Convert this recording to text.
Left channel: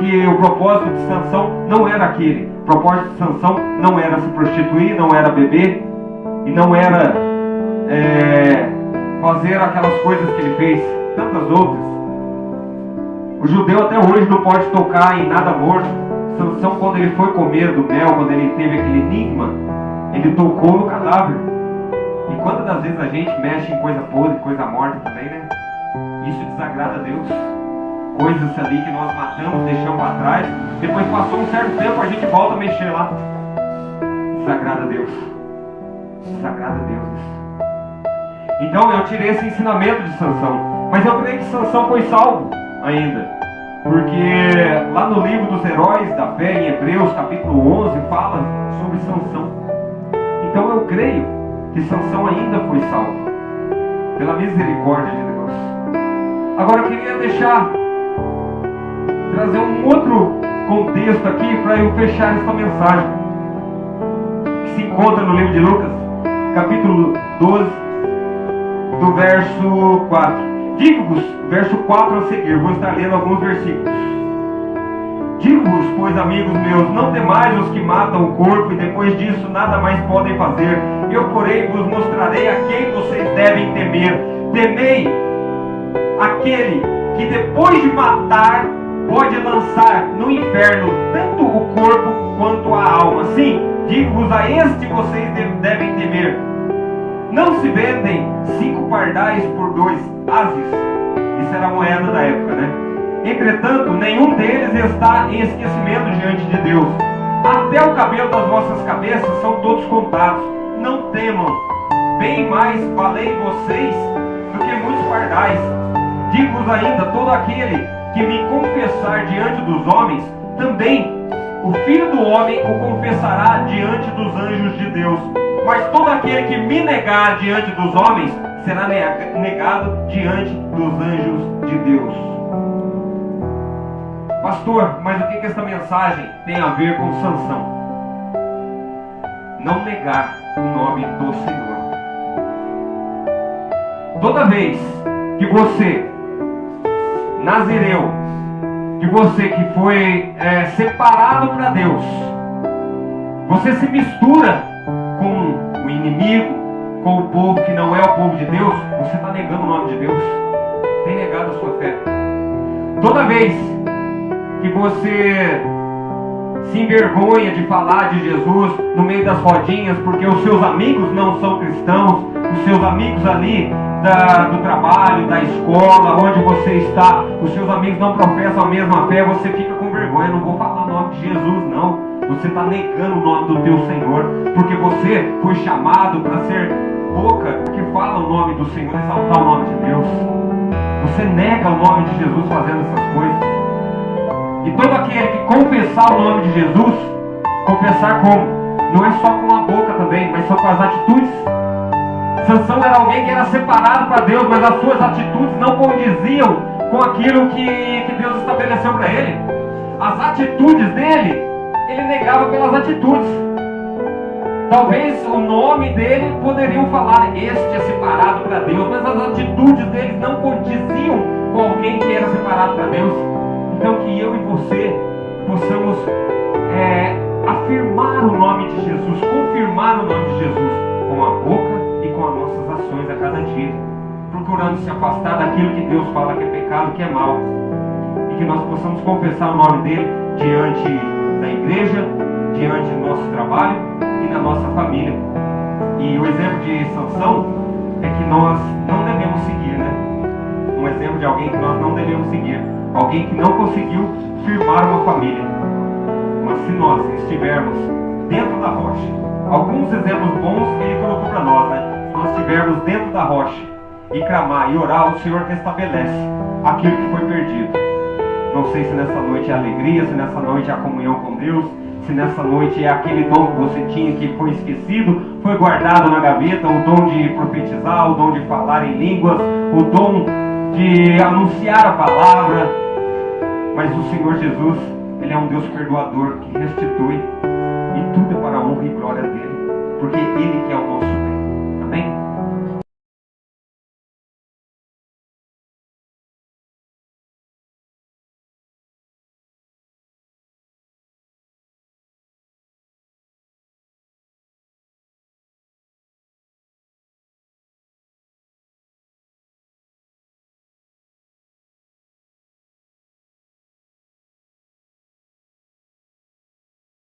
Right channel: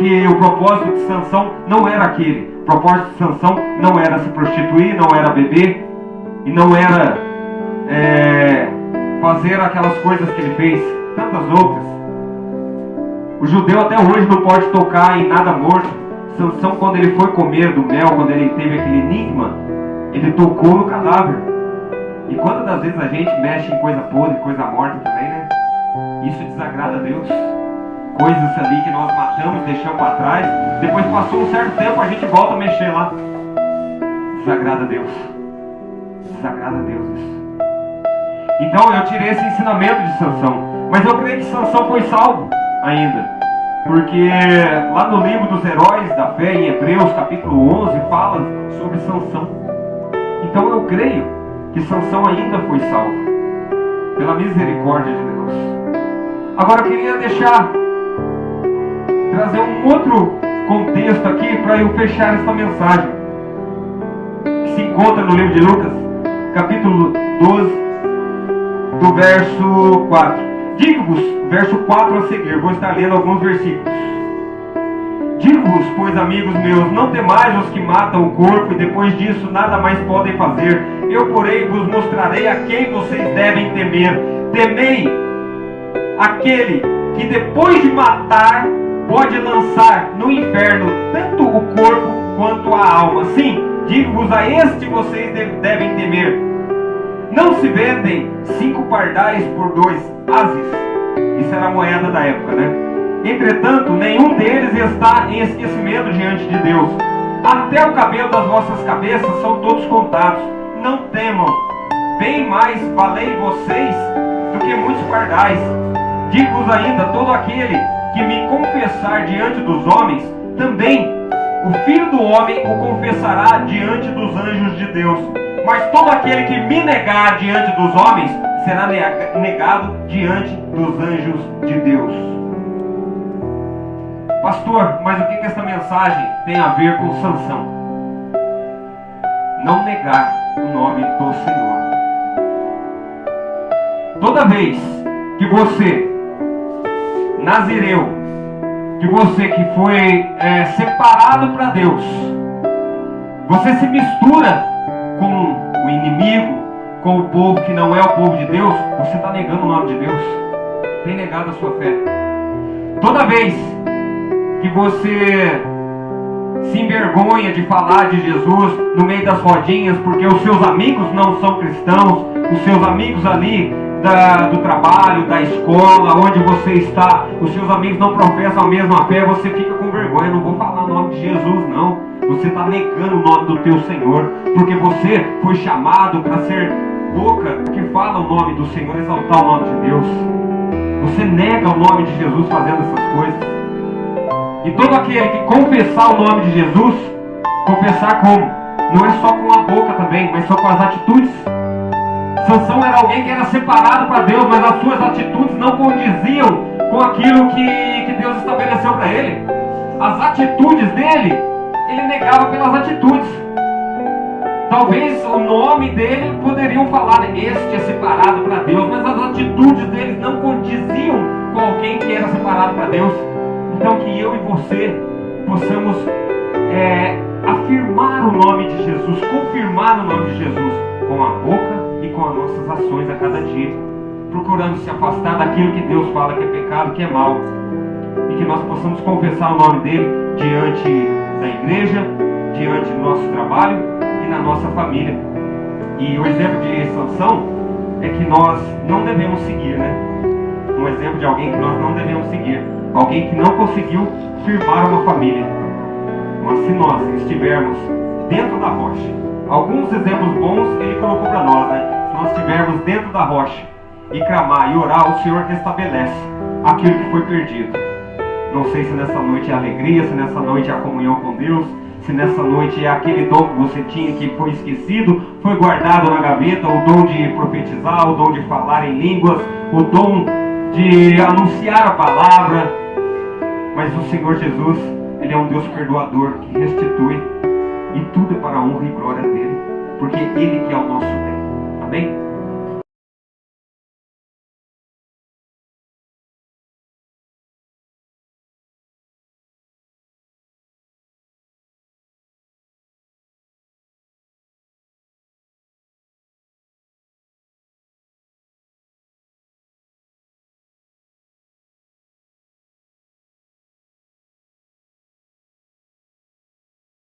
que o propósito de Sansão não era aquele. O propósito de Sansão não era se prostituir, não era beber e não era fazer aquelas coisas que ele fez, tantas outras. O judeu até hoje não pode tocar em nada morto. Sansão, quando ele foi comer do mel, quando ele teve aquele enigma, ele tocou no cadáver. E quantas das vezes a gente mexe em coisa podre, coisa morta também, né? Isso desagrada a Deus. Coisas ali que nós matamos, deixamos para trás, depois passou um certo tempo, a gente volta a mexer lá. Desagrada a Deus. Desagrada a Deus isso. Então eu tirei esse ensinamento de Sansão. Mas eu creio que Sansão foi salvo ainda. Porque lá no livro dos heróis da fé, em Hebreus capítulo 11, fala sobre Sansão. Então eu creio que Sansão ainda foi salvo pela misericórdia de Deus. Agora eu queria trazer um outro contexto aqui para eu fechar essa mensagem, que se encontra no livro de Lucas, capítulo 12, do verso 4. Digo-vos, verso 4 a seguir, vou estar lendo alguns versículos. Digo-vos, pois, amigos meus, não temais os que matam o corpo e depois disso nada mais podem fazer. Eu, porém, vos mostrarei a quem vocês devem temer. Temei aquele que depois de matar pode lançar no inferno tanto o corpo quanto a alma. Sim, digo-vos, a este vocês devem temer. Não se vendem 5 pardais por 2 ases. Isso era a moeda da época, né? Entretanto, nenhum deles está em esquecimento diante de Deus. Até o cabelo das vossas cabeças são todos contados. Não temam, bem mais valei vocês do que muitos pardais. Digo-vos ainda, todo aquele que me confessar diante dos homens, também o Filho do Homem o confessará diante dos anjos de Deus. Mas todo aquele que me negar diante dos homens, será negado diante dos anjos de Deus. Pastor, mas o que essa mensagem tem a ver com Sansão? Não negar o nome do Senhor. Toda vez que você, nazireu, que você que foi separado para Deus, você se mistura com o inimigo, com o povo que não é o povo de Deus, você está negando o nome de Deus, tem negado a sua fé. Toda vez que você se envergonha de falar de Jesus no meio das rodinhas, porque os seus amigos não são cristãos, os seus amigos ali do trabalho, da escola, onde você está, os seus amigos não professam a mesma fé, você fica com vergonha. Não vou falar o nome de Jesus, não. Você está negando o nome do teu Senhor, porque você foi chamado para ser boca que fala o nome do Senhor, exaltar o nome de Deus. Você nega o nome de Jesus fazendo essas coisas. E todo aquele que confessar o nome de Jesus, confessar como? Não é só com a boca também, mas só com as atitudes. Sansão era alguém que era separado para Deus, mas as suas atitudes não condiziam com aquilo que Deus estabeleceu para ele. As atitudes dele, ele negava pelas atitudes. Talvez o nome dele poderiam falar, este é separado para Deus, mas as atitudes dele não condiziam com alguém que era separado para Deus. Então que eu e você possamos afirmar o nome de Jesus, confirmar o nome de Jesus com a boca e com as nossas ações a cada dia, procurando se afastar daquilo que Deus fala que é pecado, que é mal, e que nós possamos confessar o nome dele diante da igreja, diante do nosso trabalho e na nossa família. E o exemplo de Sansão é que nós não devemos seguir, né? Um exemplo de alguém que nós não devemos seguir, alguém que não conseguiu firmar uma família. Mas se nós estivermos dentro da rocha, alguns exemplos bons ele colocou para nós, né? Se nós estivermos dentro da rocha e clamar e orar, o Senhor restabelece aquilo que foi perdido. Não sei se nessa noite é alegria, se nessa noite é a comunhão com Deus, se nessa noite é aquele dom que você tinha que foi esquecido, foi guardado na gaveta, o dom de profetizar, o dom de falar em línguas, o dom de anunciar a palavra. Mas o Senhor Jesus, Ele é um Deus perdoador que restitui, e tudo é para a honra e glória dele, porque Ele que é o nosso bem. Amém?